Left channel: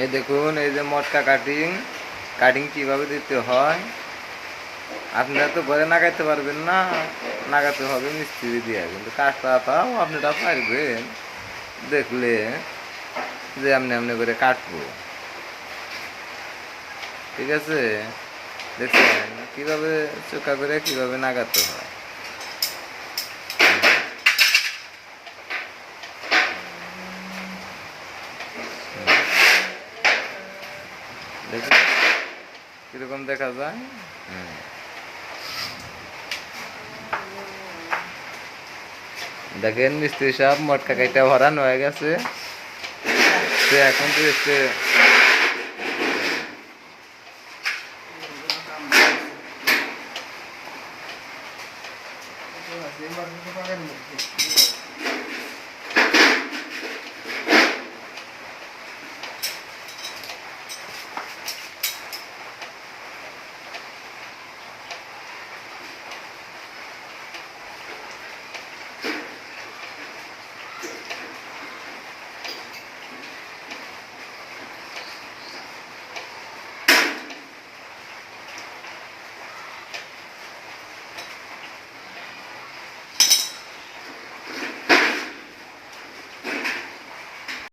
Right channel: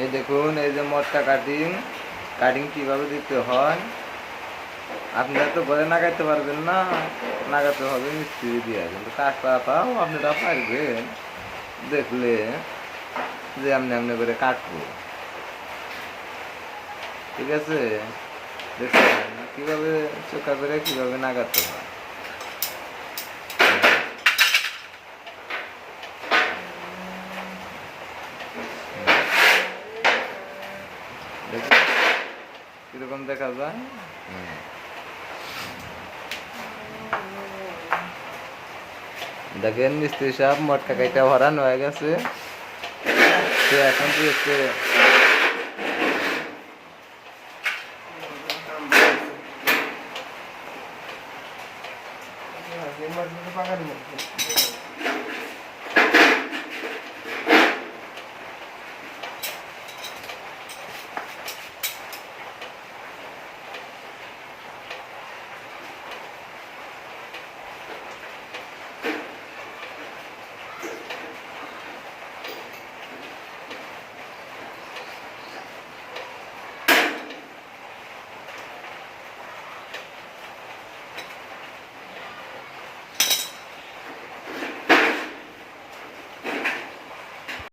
এই দেখুন, এই যে মটকা কাটিং, কাটিং কিভাবে দিতে হয় আপনারা তো ঘরে নাগাইতে পারবেন না, নাগাতে হবে মিস্ত্রি দিয়ে, কিন্তু কাজটাও আপনারা পারবেন দেখলে যে এমনি এমনি করে কাটবো। ঠিক আছে, দেখছেন কিভাবে চোখা করে কিভাবে নাগাতে হয়। দেখুন কিরকম দেখা যায়। দেখেন মিস্ত্রি সাহেব মটকা কাইটা ভরানো হয়ে গেছে, সে এখন তো